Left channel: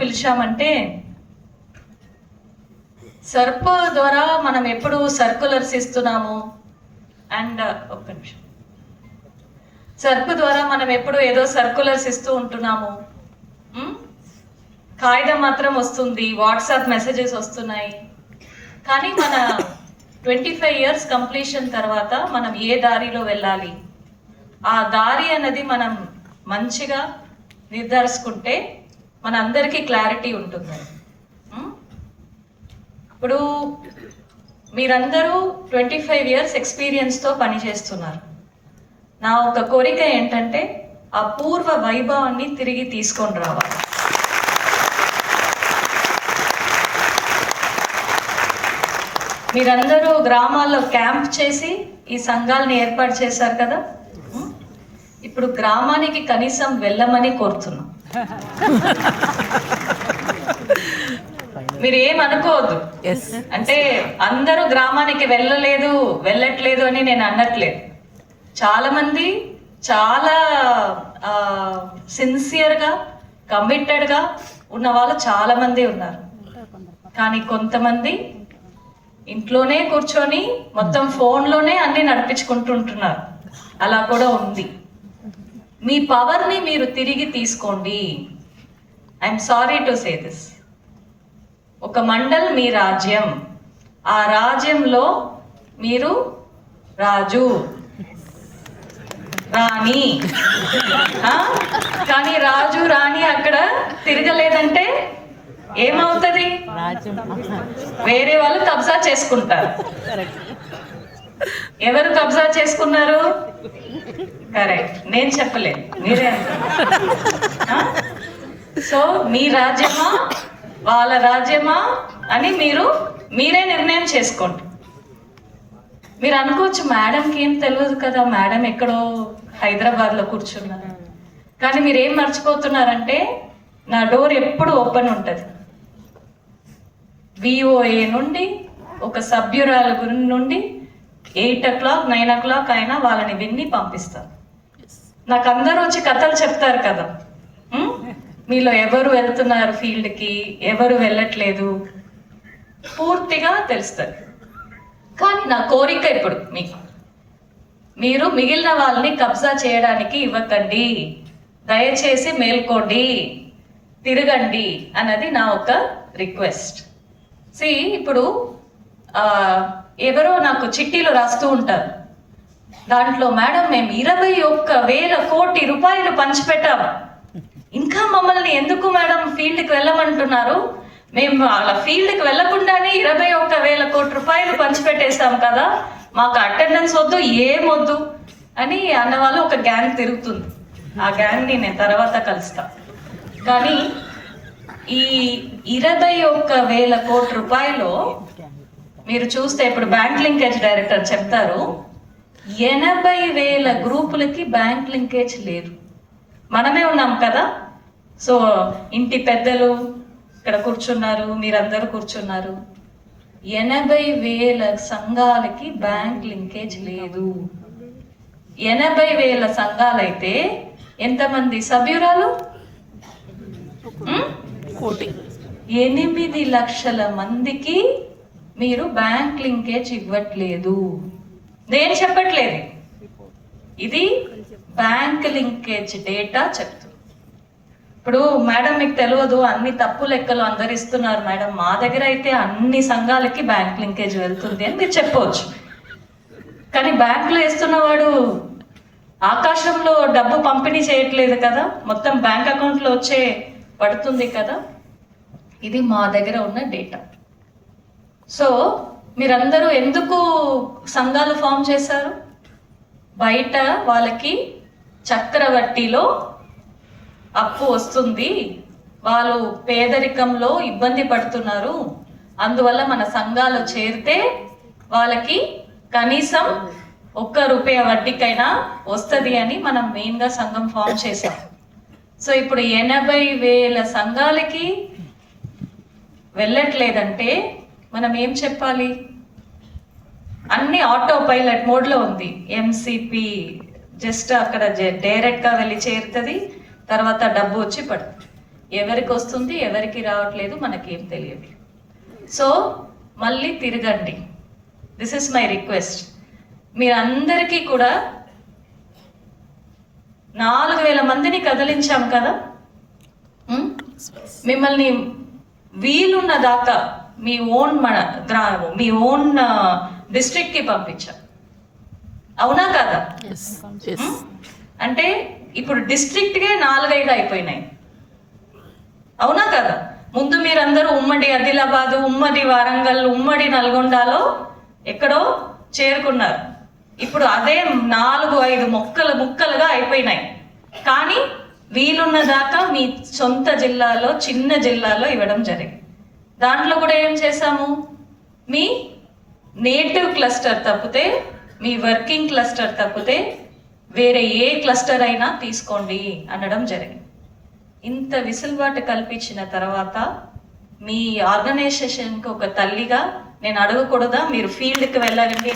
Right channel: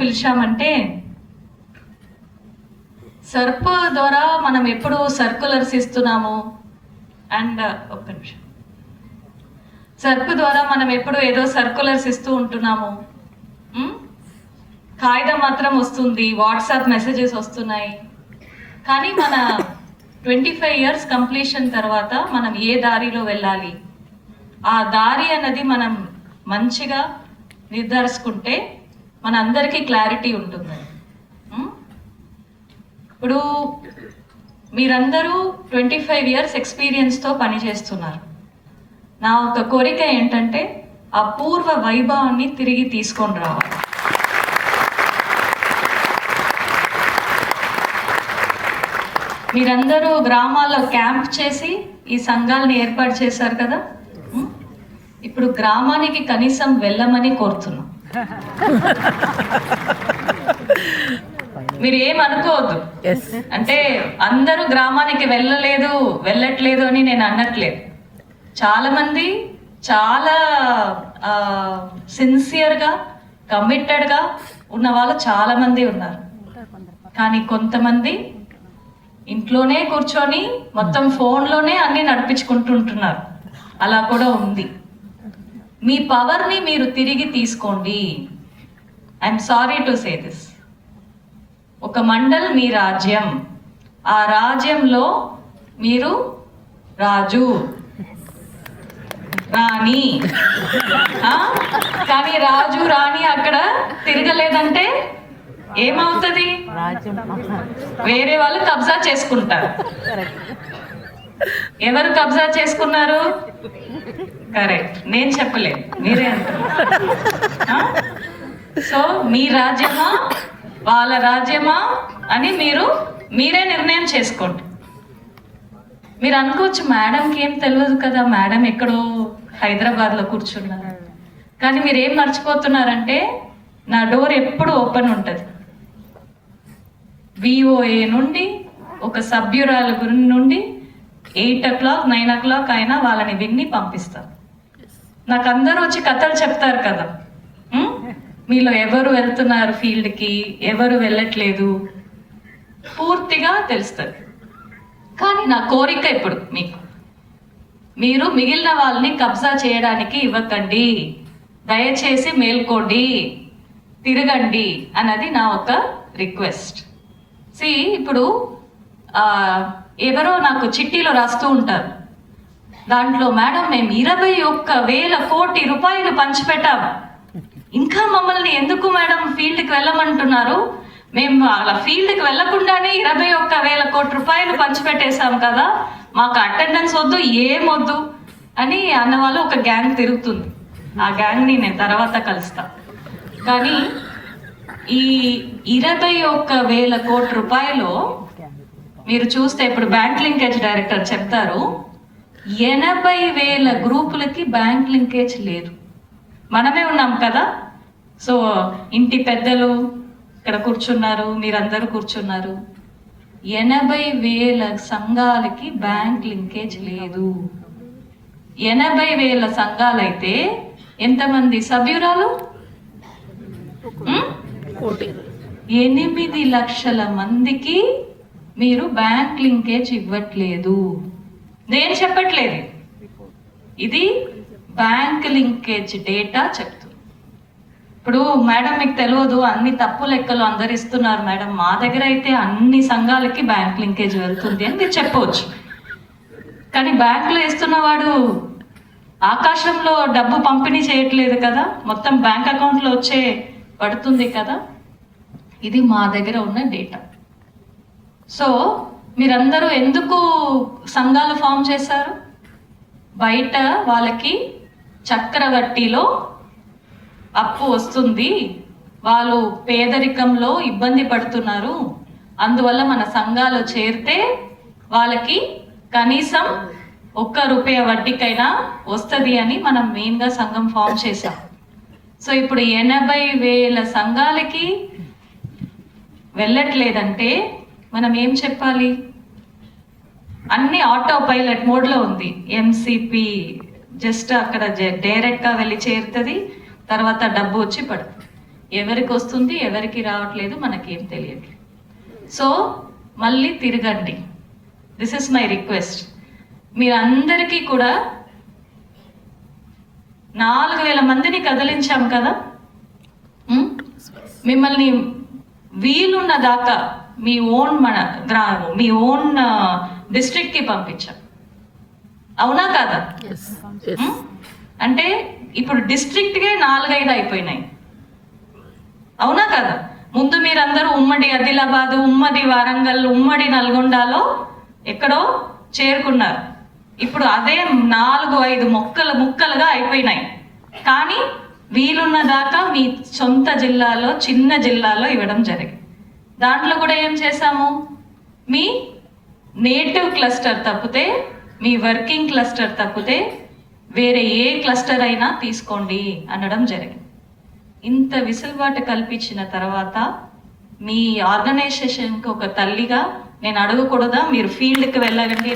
పిలిచామంటే, సర్ప్ ద్వారా మనం ఎప్పుడు సర్కులర్స్ ఇస్తున్నాము అండ్ ఒక్క నిమిషం, సర్ప్ ద్వారా మనం ఎప్పుడు ఏదో సర్కులర్స్ ఇస్తూ ఉంటున్నాము. కాగితం మాత్రం వస్తుంది, వాట్సాప్ మెసేజెస్ వస్తున్నాయి. కానీ మన 25 years కంప్లీషన్ తర్వాత మనం ఏ దారిలో వెళ్ళాలి, ఆ దారి అన్నది మనం మంచిగా నిర్ధారించుకుంటే మన అందరికీ క్లారిటీ ఉంటుంది. ఇప్పుడు మీరందరూ 25 years ఎక్స్పీరియన్స్తో పనిచేస్తున్నారు. నా ఒక కోరిక ఏంటంటే ఆ పూర్వ వైభవాన్ని తిరిగి తీసుకొని రావాలి. మీరందరూ గ్రామాల్లో క్యాంప్ చేసి ఈ సంఘాలని ఏర్పాటు చేశారు కదా, ఇప్పుడు గ్రామానికి కనీసం వెళ్ళమని కోరుతున్నాం. మీరు ఏమనుకోవద్దు, అంటే అందరూ గ్రామానికి వెళ్ళట్లేదు అని నేను అనట్లేదు. చాలా మంది చాలా సిన్సియర్గా కమిటెడ్గా ఉన్న వాళ్ళు చాలా మంది ఉన్నారు. కానీ కొంతమంది ఇంట్లోనే కూర్చొని మొత్తం ఫోన్లోనే అన్ని నడిపించుకుంటుంటున్నారు. అలా కూడా ఉంది. మీ పవర్ని మీరు తిరిగి తీసుకోండి. I'm sorry to say this. ఒక మండల్ మీ రాజ్యం, ఆ రాజ్యంలో మీరు రాజు రాణి. కానీ రాజు రాణి అక్కడ తిరగలేదంటే ఏమవుతుంది? వేరే వాళ్ళు కబ్జా చేసుకుంటారు. ఎవరు కబ్జా చేసుకున్నారు? కరెక్ట్, నేను చెప్పలేదు, మీరే అంటారు. సో మీ రాజ్యమా వాళ్ళ రాజ్యమా అని మీరే నిర్ణయం చేసుకోండి. మీరు అనుకోవచ్చు మేడంకి ఏం తెలియదు కదా, మేడం ఎక్కడో హైదరాబాద్లో కూర్చున్నారు. కానీ మీరు ఏం మర్చిపోతున్నారంటే నా డోర్ ఎప్పుడు ఓపెన్ ఉంటుంది. VOA నుండి ఒక సభ్యురాల గురి నుండి 8 o'clock 9 o'clock అయినా వాళ్ళని విన్ని పంపిస్తాను. నాకు అందరూ వచ్చి కథలు చెప్తారు కదా, మీలో ఎవరు వెళ్తున్నారు ఫీల్డ్కి, ఎవరు వెళ్ళట్లేదు, పూర్తిగా తెలుస్తుంది. కానీ నా కోరిక ఇప్పుడు మీరు మిగిలిన వాళ్ళని కబ్జా చేయడానికి ఇవ్వకండి, దయచేసి మేల్కోండి, తిరగండి అన్నది నా ఒక రిక్వెస్ట్. ఇప్పుడు ఎవరో నాకు చిట్టీలో రాస్తూ ఉంటారు, దాంట్లో మేడం మేము 21,000 కోట్ల రూపాయలు పంచిపెట్టాము, ఇంకా మమ్మల్ని ఎందుకు మేడం ఫీల్డ్కి వెళ్ళమంటున్నారు, మేము వాళ్ళ ఫీల్డ్కి వెళ్ళకుండానే 21,000 కోట్ల రూపాయలు పంచిపెట్టేశాం కదా, మాకు అటెండెన్స్ వద్దు ఏమొద్దు అని అన్నవాళ్ళు ఒక గ్యాంగ్ తిరుగుతుంది. ఆ గ్యాంగ్ని నేను తర్వాత కలుస్తా. కానీ ఈ 21,000 కోట్ల రూపాయలు మీరు చూస్తే ఇప్పుడు బ్యాంక్ లింకేజ్ డైరెక్టర్ చెప్తారు, 80,000 గ్రూపులకి బ్యాంక్ లింకేజ్ లేదు. మనమే ఉన్నాం కదా. సో ఇంటి పెద్దలు ఇక్కడ కూర్చున్నారు, మీరందరూ కూర్చున్నారు. 80,000 సంఘాలకి బ్యాంక్ లింకేజ్ లేదు. 80,000 సంఘాలైతే ఎంతమంది సభ్యురాలు? 8 లక్షల మందికి మీరు బ్యాంక్ లింకేజ్ ఇవ్వట్లేదు. నేను చెప్పట్లేదు, ఇది బ్యాంక్ లింకేజ్ డేటా చెప్తుంది. ఇప్పుడు మేడం మీకు తెలియదు, అన్ని తప్పు లెక్కలు అందరు ఇస్తున్నారు మేడం, మా దగ్గర అయితే అన్ని సంఘాలకి బ్యాంక్ లింకేజ్ వెళ్తుంది అని మీరు చెప్పవచ్చు. కానీ బ్యాంకులో వేస్తున్నవాడు ఆకాశంలో డబ్బు పంపిణీ చేయట్లేదు కదా, మొత్తం బ్యాంక్ అకౌంట్లో వచ్చే పడుతుంది కదా. ఇది మా దగ్గర ఉన్న డేటా. సో మీరందరూ ఎందుకు సంఘాలు ఫామ్ చేశారు? బయట వాళ్ళకి చక్రవడ్డీలో అప్పు వస్తుంది, వాళ్ళు పేదరికంలో ఇబ్బంది పడుతున్నారు, అందువల్ల మన సంఘాలు చేరితే వాళ్ళకి కనీసం ₹1 వడ్డీకైనా వస్తుంది అని మనం మెయిన్గా సంఘం ఫామ్ చేసాం. సో ఇప్పుడు 80,000 సంఘాలకి వెళ్ళట్లేదంటే మనం ఏం చెప్పాలి? అన్ని ఆటో పైలట్ మోడ్లో ఉంది. ఎంసీపీ జస్ట్ అక్కడ డైరెక్ట్గా వెళ్ళి చేరుతుంది, తర్వాత డబ్బు వచ్చి పడుతుంది. ఎవరికి వస్తుంది ఎవరికి రావట్లేదు మనకేం తెలియదు. సో మళ్ళీ తిరగండి. This is my request. మీరందరికీ కూడా 4,000 మందిని కదిలించాం కదా, మిమ్మల్ని వీలున్న దాకా మీ ఓన్ మీ ఓన్ డిస్ట్రిక్ట్కి పంపించాం. అవునా కదా? అంటే ఇప్పుడు డిస్ట్రిక్ట్కే 4-5 అయిపోయినాయి. అవునా కదా? ముందు మీరందరూ ఉమ్మడి ఆదిలాబాద్, ఉమ్మడి వరంగల్, ఉమ్మడి నల్గొండలో ఎక్కడో చేరుకున్నారు. ఇప్పుడు అదే 4-5 ముక్కలుగా అయిపోయినాయి. కానీ వీలున్న దాకా మీ సొంత జిల్లాలో, చిన్న జిల్లాలో ఇవ్వడం జరిగింది. దాంట్లో కూడా ఏం చేశాము, మీ నేటివ్ క్లస్టర్ తప్పితే, మీ వర్కింగ్ క్లస్టర్ తప్పితే వేరే ఏ క్లస్టర్ అయినా తీసుకోండి అనడం జరిగింది. ఇంత విసులుబాటు కల్పించిన తర్వాత మీ ఆర్గనైజేషన్కి ఒక తల్లిగా నేను అడగకూడదా, మీరు ఫీల్డ్కి వెళ్ళాలండి?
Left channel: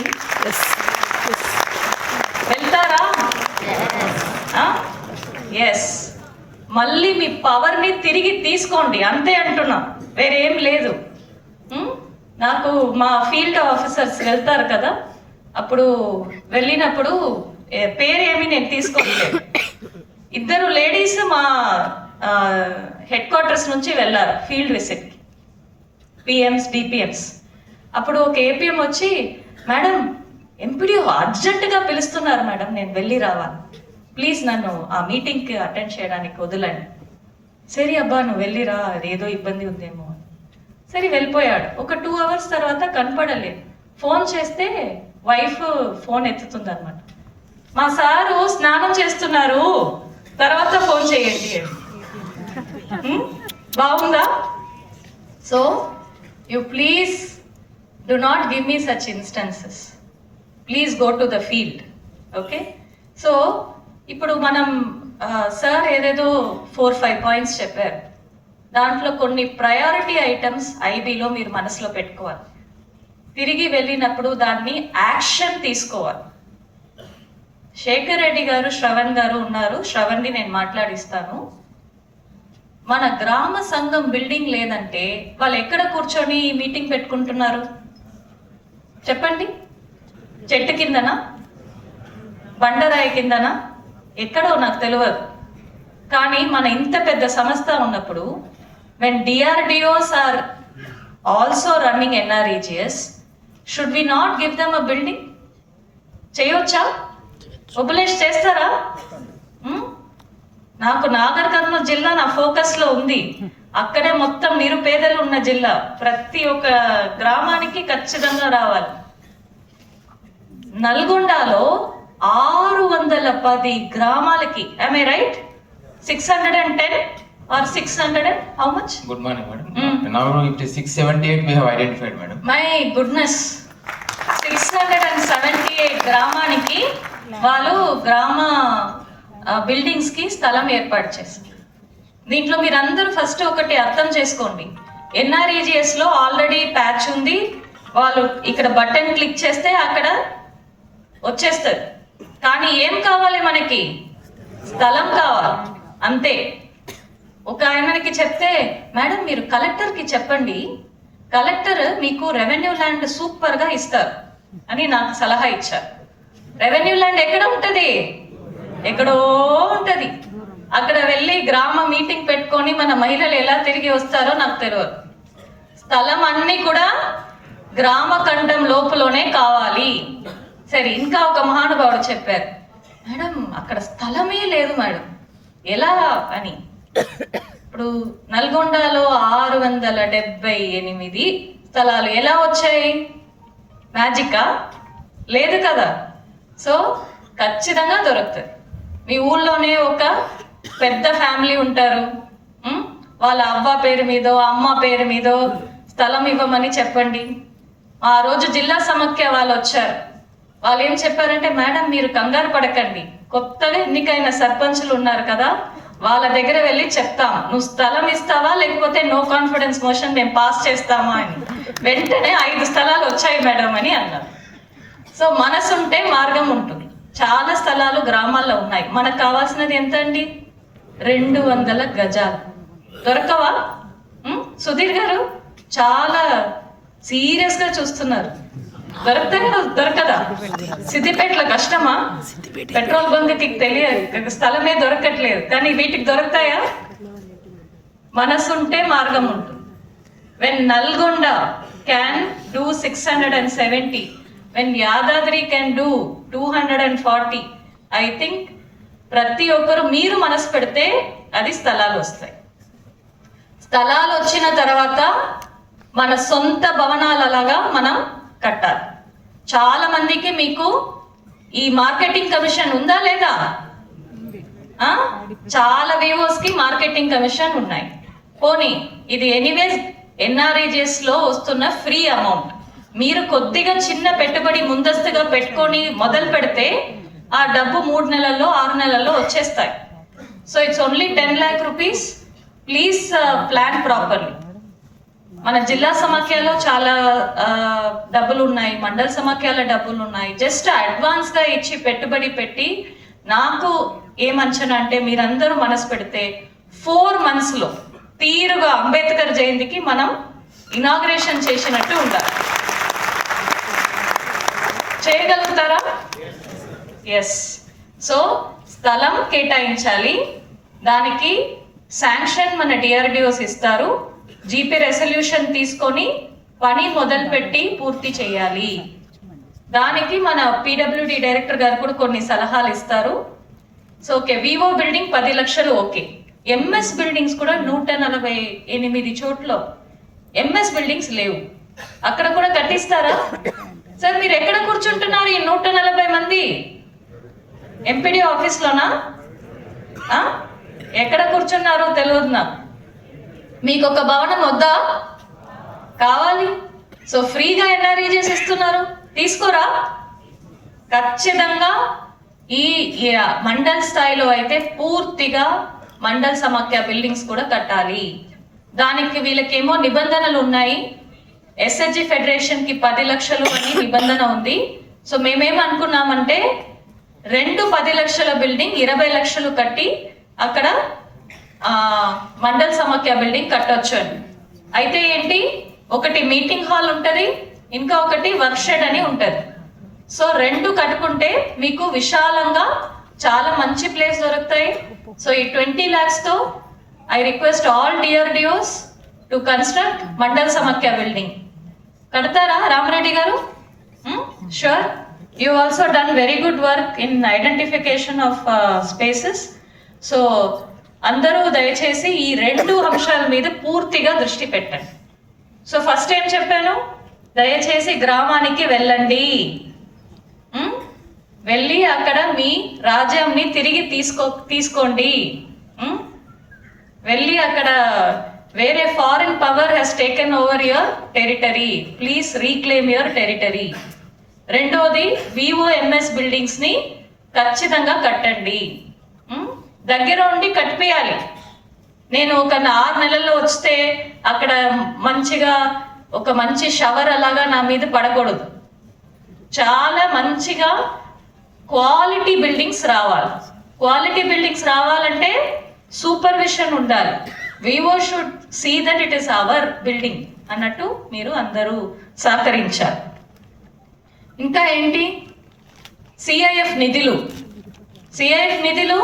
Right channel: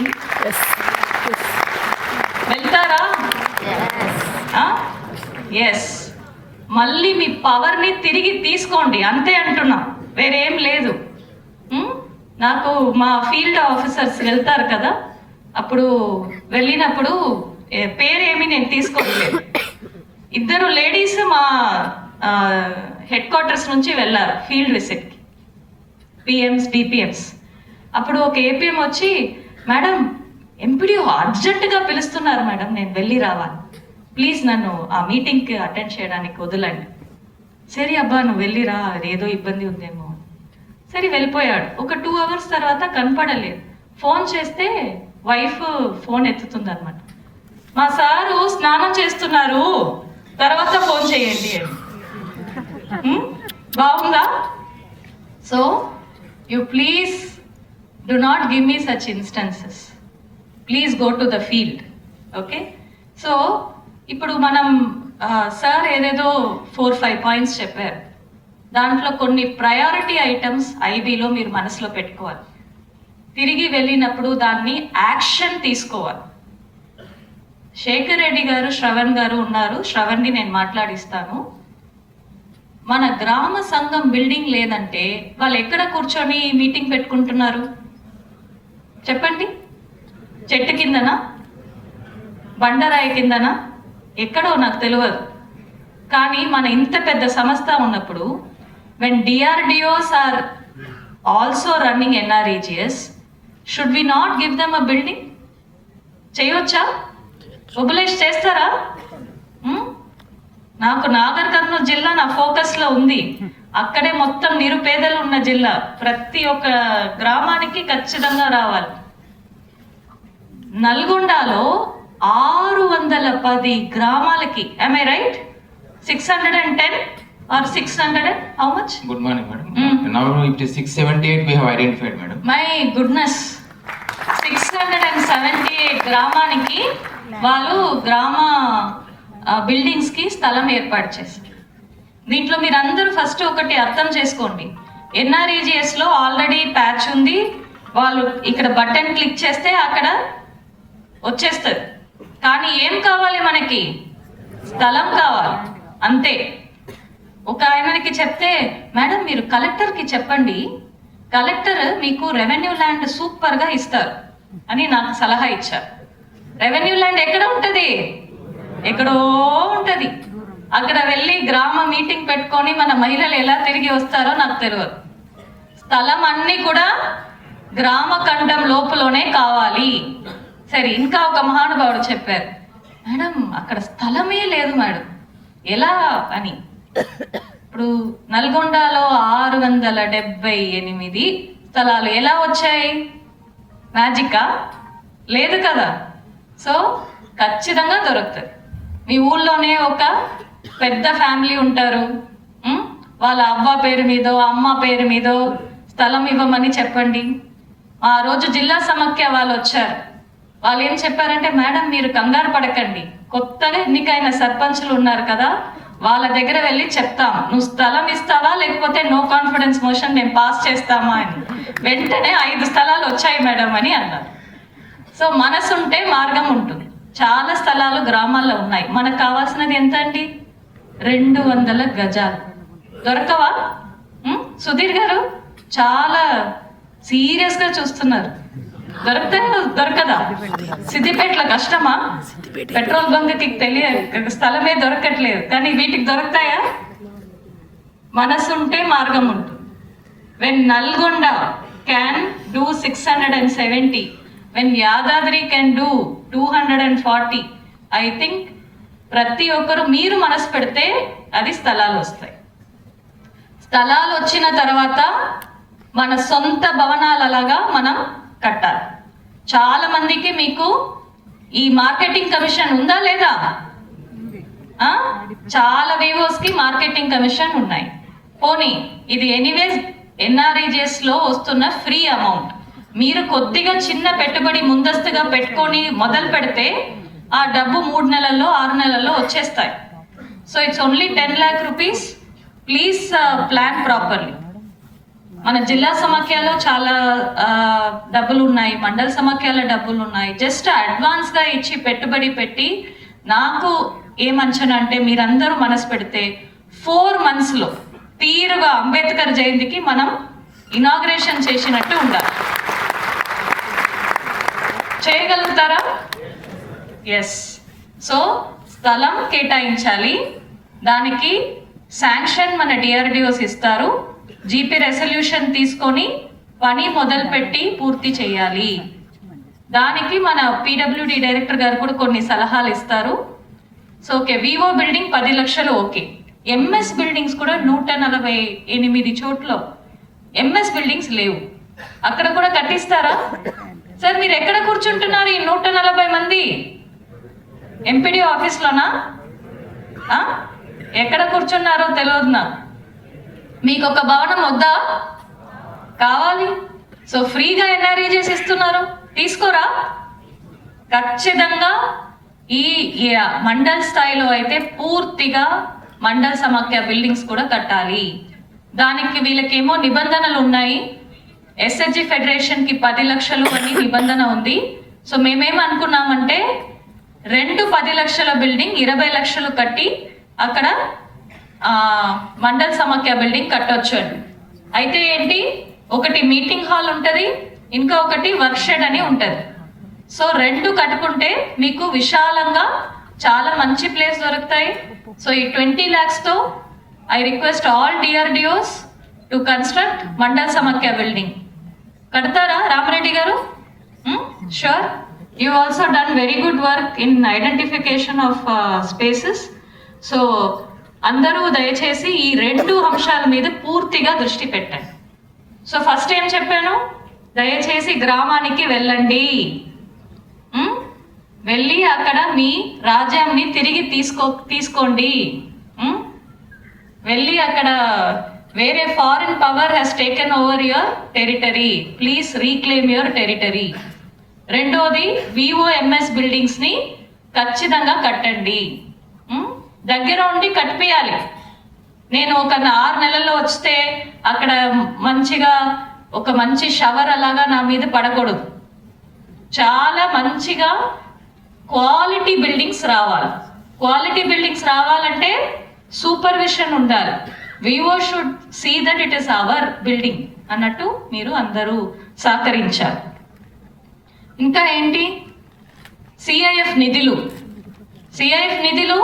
వెళ్తారా? ఎస్. మళ్ళీ మీ పవర్ని తిరిగి తీసుకోండి, అంతే అంటున్నా, వేరేం లేదు. నాకు మా ఫీల్డ్ ఆఫీసర్స్ వెళ్తారు కదా, అప్పుడు వెళ్ళినప్పుడు పేరేమి నేను తీసుకోలేదు. 2 లేడీస్ మా హెడ్ క్వార్టర్స్ నుంచి వెళ్ళారు ఫీల్డ్ విజిట్కి, పిఎంస్ డిపిఎంస్. అప్పుడు ఒక ఏపీఎం వచ్చి, మేడం ఎంపీడీఓ అర్జెంటుగా పిలుస్తున్నారు మేడం, నేను వెళ్ళి రావాలి, ప్లీజ్ నన్ను ఆ మీటింగ్కి అటెండ్ చేయడానికి వదలండి. సరే అబ్బా నువ్వు వెళ్ళిరా, ఏదో ఇబ్బంది ఉందేమో. సరే వెళ్ళిపోయాడు. ఒక 2 అవర్స్ తర్వాత కనపడలేదు. ఫోన్ చేస్తే వైఫ్ ఫోన్ ఎత్తుతుంది అనమాట, మా సారు స్నానం చేస్తున్నారు, తర్వాత ఫోన్ చేయండి అని. బాగుందా? So you please do not give me such instances. Please go to the field. Okay? So ఇప్పుడు మనం సార్ ఏదేదో 4-5 పాయింట్స్ చెప్పారు. దాంట్లో కొన్ని ప్రయారిటీ ఐటమ్స్ ఐబీలో మీరు మనసులో పెట్టుకోవాలి. తిరిగి వెళ్ళినప్పుడు దాన్ని యాక్షన్ తీసుకోవాలి. శేఖర్ రెడ్డి గారు, శ్రవణ్ గారు ఉన్నారు, శ్రవణ్ని నేను మాట్లాడిస్తాను. మన గ్రామ సంఘం బిల్డింగ్ లేదంటే వాళ్ళు ఎక్కడ కూర్చొని మీటింగ్ పెట్టుకుంటున్నారు చెప్పండి? చెట్టు కిందనా, బండరాయి కిందనా, ఎక్కడో నాకు తెలియదు. కానీ మన ఇంత పెద్ద సంస్థ ఉన్నప్పుడు, when DRDOs are also running NREGS, should we not give them a building? చేయవచ్చా? మొబిలైజ్ చేస్తారా? నాకు నాగర్ కర్నూలు జిల్లా నా ఫోకస్లో ఉంది. అక్కడే మొత్తం నిరుపేదలు ఉన్న జిల్లా. ప్రతి ఒక్క గ్రామానికి ఖచ్చితంగా రావాలి. నల్గొండలో 610 గ్రామాలకి, am I right? 610 or 600? How much? Good morning, madam. Now it is 678 we have identified, madam. My goodness, 678 గ్రామానికి వాళ్ళు గ్రామ బిల్డింగ్స్ కి స్థలం ఏర్పాటు చేస్తారు. దీంట్లో మీరు అందరూ ఫస్ట్ ఒకటి అర్థం చేసుకోండి, NREGS లో ఆల్రెడీ ప్యాచ్ ఉంది. వాళ్ళు ఇక్కడ బటన్ క్లిక్ చేస్తే అక్కడ వచ్చేస్తారు. కానీ ఏం కావాలి మనకి? స్థలం కావాలి, అంతే. ఒక ఆయనకి చెప్తే, మేడం మీరు కలెక్టర్కి చెప్పండి, కలెక్టర్ మీకు రెవెన్యూ ల్యాండ్ సూపర్గా ఇస్తారు అని నాకు సలహా ఇచ్చారు. రెవెన్యూ ల్యాండ్ ఎక్కడ ఉంటుంది? ఎక్కడో ఉంటుంది. అక్కడ వెళ్ళి గ్రామ మీటింగ్ పెట్టుకొని మన మహిళలు ఎలా తిరిగి వస్తారో నాకు తెలియదు. స్థలం అన్నీ కూడా గ్రామ ఖండం లోపలనే కావాలి. సరే, ఇంకా ఒక మహానుభావుడు చెప్పారు, మేడం అక్కడ స్థలమే లేదు మేడం, ఎలా అని. ఇప్పుడు నల్గొండలో 678 స్థలాలు ఎలా వచ్చాయి? మ్యాజికా? లేదు కదా. సో ఖచ్చితంగా దొరుకుతుంది. మీ ఊళ్ళోనే ఒక పెద్ద ఫ్యామిలీ ఉంటారు, వాళ్ళ అవ్వ పేరు మీదో అమ్మ పేరు మీదో స్థలం ఇవ్వమని చెప్పండి. ఆ రోజు జిల్లా సమాఖ్య వాళ్ళు వచ్చారు. వాళ్ళు ఏం చెప్పారంటే, మేడం మీరు కంగారు పడకండి, కొత్తగా ఎన్నికైన సర్పంచులు ఉన్నారు కదా, వాళ్ళ దగ్గర వెళ్ళి చెప్తాం, నువ్వు స్థలం ఇస్తావా లేకపోతే నో కాన్ఫిడెన్స్ మోషన్ మేము పాస్ చేస్తామా అని. వెంటనే 5 స్థలాలు వచ్చాయి మేడం అని అన్నారు. సో మనసుంటే మార్గం ఉంటుంది. చాలా స్థలాలు గ్రామాల్లో ఉన్నాయి. మనకు కావాల్సినది ఎంత అండి? 200 గజాలు. దొరకవా? సుధీర్ గారు చాలా సీరియస్ గా చూస్తున్నారు. దొరకదా? సిద్దిపేటలో కష్టమా? పెట్రోల్ బంక్కి స్థలమే దొరకట్లేదు, కానీ వీటికి దొరుకుతాయా? మనసుంటే మార్గం ఉంటుంది. When Nalgonda can do 670, when Yadadri can do 240, I think ప్రతి ఒక్కరు మీరు మనసు పెడితే అది స్థలాలు వస్తాయి. స్థలాలు వచ్చిన తర్వాత మన సొంత భవనాలలాగా మనం కట్టాలి. చాలా మందికి మీకు ఈ మార్కెటింగ్ కమిషన్ ఉందా లేదా? చాలా వివోస్ కి మార్కెటింగ్ కమిషన్ ఉన్నాయి. పోనీ ఇది ఎనీవేస్ ఎన్ఆర్ఈజెస్ లో వస్తున్న ఫ్రీ అమౌంట్. మీరు కొద్దిగా చిన్న పెట్టుబడి ముందస్తుగా పెట్టుకొని మొదలు పెడితే ఆ డబ్బు 3 నెలల్లో 6 నెలల్లో వచ్చేస్తాయి. So it's only 10 lakh rupees. Please plan properly. మన జిల్లా సమాఖ్యలో చాలా డబ్బులు ఉన్నాయి, మండల సమాఖ్యల డబ్బులు ఉన్నాయి. జస్ట్ అడ్వాన్స్ గా ఇచ్చి పెట్టుబడి పెట్టి, నాకు ఏమంచనా అంటే మీరందరూ మనసు పెడితే 4 months లో తీరుగా అంబేద్కర్ జయంతికి మనం ఇనాగ్రేషన్ చేసినట్టు ఉండాలి. చేయగలుగుతారా? ఎస్. సో స్థలం కేటాయించాలి, దానికి శాంక్షన్ మన డిఆర్డిఓస్ ఇస్తారు. జీపీ రెసల్యూషన్ తీసుకొని పని మొదలుపెట్టి పూర్తి చేయాలి. దానికి మన పీడబ్ల్యూడి డైరెక్టర్ గారు కూడా కొన్ని సలహాలు ఇస్తారు. సో ఓకే, వివో బిల్డింగ్ 10 లక్షలు ఓకే. ఎంఎస్ బిల్డింగ్స్ కూడా 148 చోట్ల ఎంఎస్ బిల్డింగ్స్ లేవు, అక్కడ కూడా కట్టిస్తారా? సార్ మీరు ఎక్కడ కూర్చుంటున్నారు ఈ 140 మంది? ఎంపీడీ ఆఫీస్లోనా? ఎక్కడ కూర్చున్నారో తెలియదు నాకు. మీకు ఒక భవనం వద్దా? కావాలి. సో ఫ్రీగా ఎన్ఆర్ఈజెస్ ఇస్తున్నారు, తీసుకోరా? ఖచ్చితంగా ఈ మండల్ స్థాయిలో అయితే పూర్తిగా మండల్ సమాఖ్య బిల్డింగ్స్ కూడా కట్టాలి. దానికి వీళ్ళకేమో నిబంధనలు ఉన్నాయి. ఎస్హెచ్జి ఫెడరేషన్ కి 10 లక్షలు అని నిబంధన ఉంది. సో మేమేమనుకున్నామంటే 2 10 లక్షల బిల్డింగ్ 20 లక్షలు కట్టి అక్కడ మండల్ సమాఖ్య బిల్డింగ్ కట్టొచ్చు అని. అయితే ఏంటి, ఒకటి మీటింగ్ హాల్ ఉంటుంది, ఇంకా ఒకటి వర్క్ షెడ్ అని ఉంటుంది. సో 2 కట్టుకుంటే మీకు విశాలంగా చాలా మంచి ప్లేస్ దొరుకుతాయి. సో ఈ 20 lakhs తో I request all DRDOs to construct Mandal Samakhya building. కడతారా రామరెడ్డి గారు? Sure. You also done very good work in identification of spaces. So అందరూ దయచేసి ఈ 2 అంశాల మీద పూర్తిగా దృష్టి పెట్టండి. సో ఫస్ట్ ఏం చెప్పాను, దయచేసి గ్రామానికి వెళ్ళండి, వెళ్ళి అక్కడ మీ రాజ్యాన్ని తిరిగి తీసుకోండి. వెళ్ళి అక్కడ వేరే foreign power has taken over your territory, please reclaim your territory. రెండోది, విఓఎంఎస్ బిల్డింగ్స్ ని ఖచ్చితంగా కట్టండి, దగ్గర ఉండి కట్టిపియాలి. నేను ఒక 6 నెలల్లో వస్తే అక్కడ మంచిగా ఒక మంచి షవర్ అలాగా నా మీద పడకూడదు. చాలా మంచిగా క్వాలిటీ బిల్డింగ్స్ రావాలి. క్వాలిటీ బిల్డింగ్స్ రావాలంటే సూపర్విషన్ ఉండాలి. We should see that it is our building అన్నట్టు మీరు అందరూ సహకరించాలి. ఇంకా ఏంటి, సిఐఎఫ్ నిధులు. సిఐఎఫ్ నిధులు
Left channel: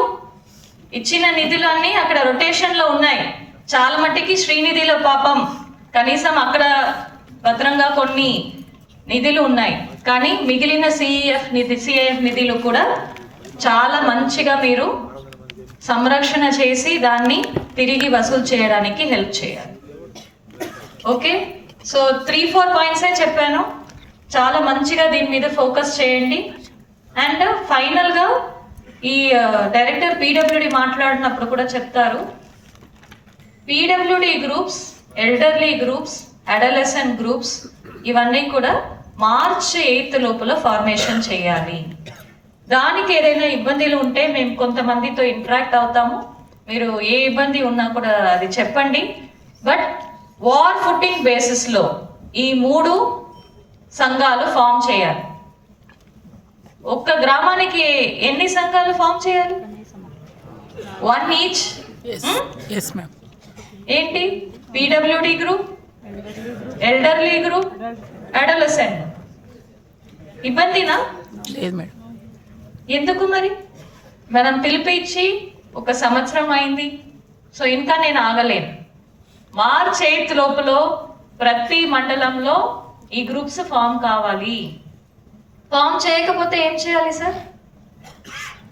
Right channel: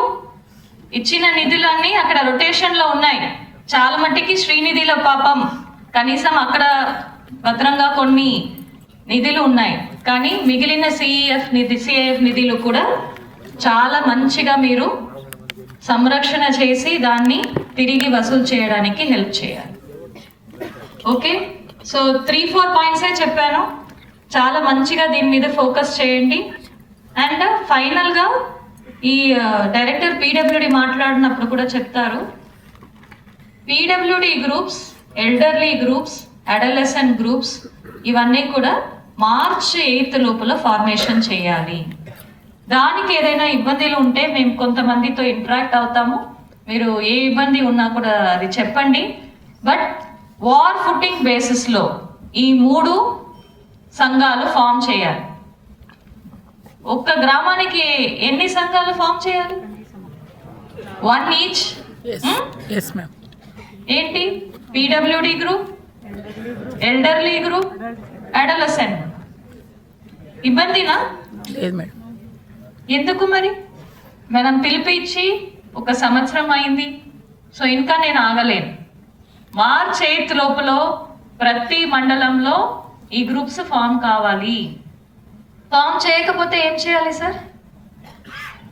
ఇచ్చిన నిధులన్నీ అక్కడ రొటేషన్ లో ఉన్నాయి. చాలా మట్టికి శ్రీనిధిలో పాపం కనీసం అక్కడ భద్రంగా కొన్ని నిధులు ఉన్నాయి, కానీ మిగిలిన సిఐఎఫ్ నిధులు కూడా చాలా మంచిగా మీరు సంరక్షణ చేసి దాన్ని తిరిగి వసూలు చేయడానికి హెల్ప్ చేయాలి. ఓకే, సో 3-4 పాయింట్సే చెప్పాను. చాలా మంచిగా దీని మీద ఫోకస్ చేయండి. అండ్ ఫైనల్గా ఈ డైరెక్టర్ పీడబ్ల్యూడి మాట్లాడినప్పుడు కూడా చెప్తారు, PWD groups, elderly groups, adolescent groups ఇవన్నీ కూడా March 8th లోపల ఫార్మేషన్ చేయాలి. దానికి ఏదైనా ఇబ్బందులు ఉంటే మేము కొంతమందితో ఇంటరాక్ట్ అవుతాము, మీరు ఏ ఇబ్బంది ఉన్నా కూడా అది చెప్పండి. బట్ వార్ ఫుటింగ్ బేసిస్లో ఈ 3 సంఘాలు ఫామ్ చేయాలి. ఒక్క గ్రామానికి ఎన్ని సంఘాలు ఫామ్ చేయాలి? 1 each. Yes, ma'am. ఏంటి? PWD group, elderly group, adolescent. ఇబ్బందినా? లేదు మేడం. ఎందుకు మరి? మనం పిలిపించి 1 సంవత్సరం అయింది, సో ఇంకా నేను ఆగలేను. మార్చ్ 8 లోపల ప్రతి మండలంలో ఈ గ్రూప్స్ ఫామ్ కావాలి. ఫామ్ చేయకపోతే ఏం చేయాలి సార్?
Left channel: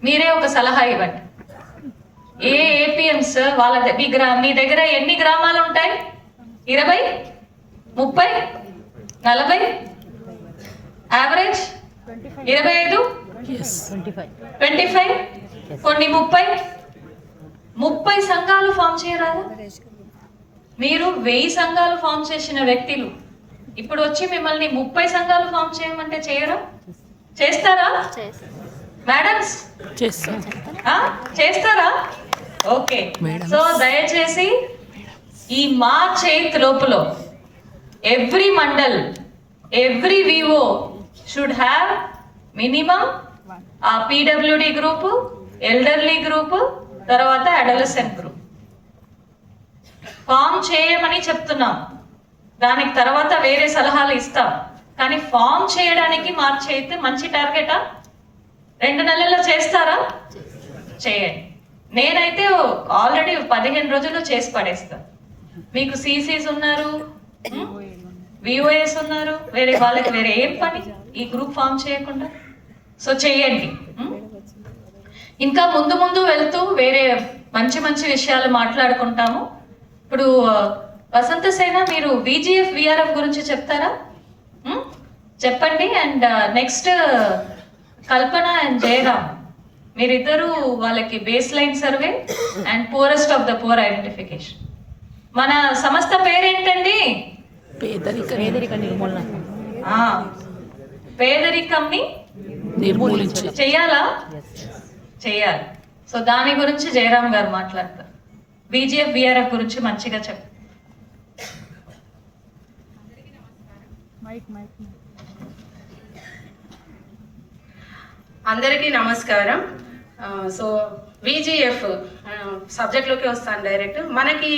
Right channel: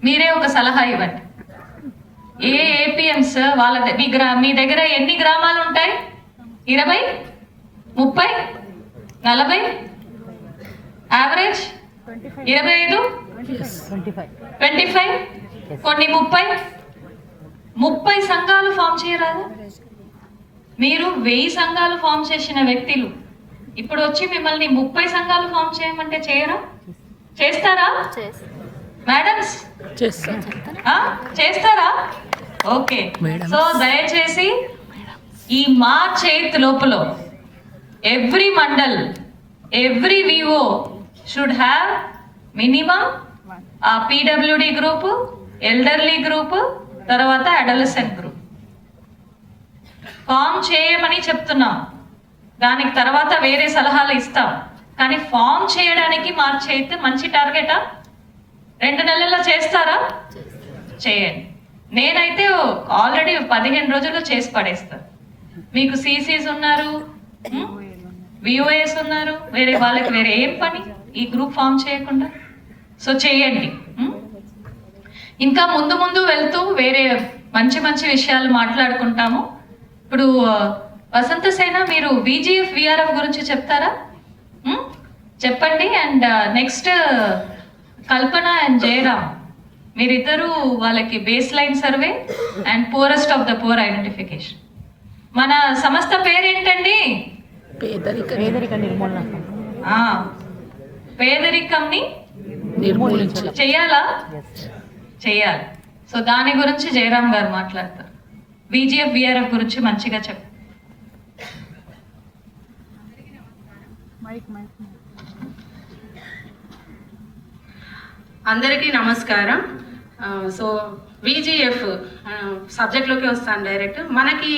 మీరే ఒక సలహా ఇవ్వండి. ఏ ఏపీఎంస్ వాళ్ళ మీ దగ్గర ఎన్ని గ్రామాలు ఉంటాయి? 20, 30, 40, యావరేజ్ 25, 25, కొన్ని 30 సంఘాలు ఫామ్ చేయరాదా? మీరు 1000 సంఘాలు ఫామ్ చేసిన వ్యక్తులు ఇప్పుడు వచ్చి మిమ్మల్ని 30 సంఘాలు ఫామ్ చేయమంటే చేయరా? చేస్తారా మేడమ్స్? చేస్తారా? ఓకే. సో దయచేసి ఈ మార్చ్ 8 లోపల every mandal, every Vivo should have minimum ఆ పీడబ్ల్యూడి గ్రూప్, ఎల్డర్లీ గ్రూప్, తర్వాత అడోలసెంట్ గ్రూప్ ఫామ్ చేయమని చెప్తున్నాం. దానికి తర్వాత వేరే సలహాలు ఇస్తాం. కానీ ఫామ్ చేయడానికి మార్చ్ 8 మంచి టార్గెటా? 2 నెలల్లో చేస్తారా? చేయండి. నేనైతే ఆల్రెడీ 15 రోజుల్లో చేసి పడేస్తాను. మీకు సిసిస్ ఉన్నారు, విఓఎస్ ఉన్నారు, వేరే వాళ్ళకి వేరే ఏం పని ఈ గ్రూప్ ఫామ్ చేయకుండా? సో చేయండి. ఇంకా ముందు ముందు వెళ్తూ వేరే మంచి మంచి విషయాలు మాట్లాడుకుంటాము. ఇప్పుడు వసంత సేన, మీరు విజిఎఫ్ విఆర్ఎఫ్ గురించి చెప్తారా? చెప్పండి. And next Kalpana and Jayaram, మీరిద్దరూ వాళ్ళకి base line survey and poorest of the poor identification. మన సంస్థ పేరేంటండి? పేదరికంని చెయ్యాలా? చెయ్యాలి. సో దాని గురించి జయరామ్ గారు మాట్లాడతారు. విజిఎఫ్ విఆర్ఎఫ్ గురించి మంచిగా చెప్పు. అందరికీ నమస్కారం. సో విజిఎఫ్ సబ్జెక్ట్లోకి వస్తాను డైరెక్ట్. మనకి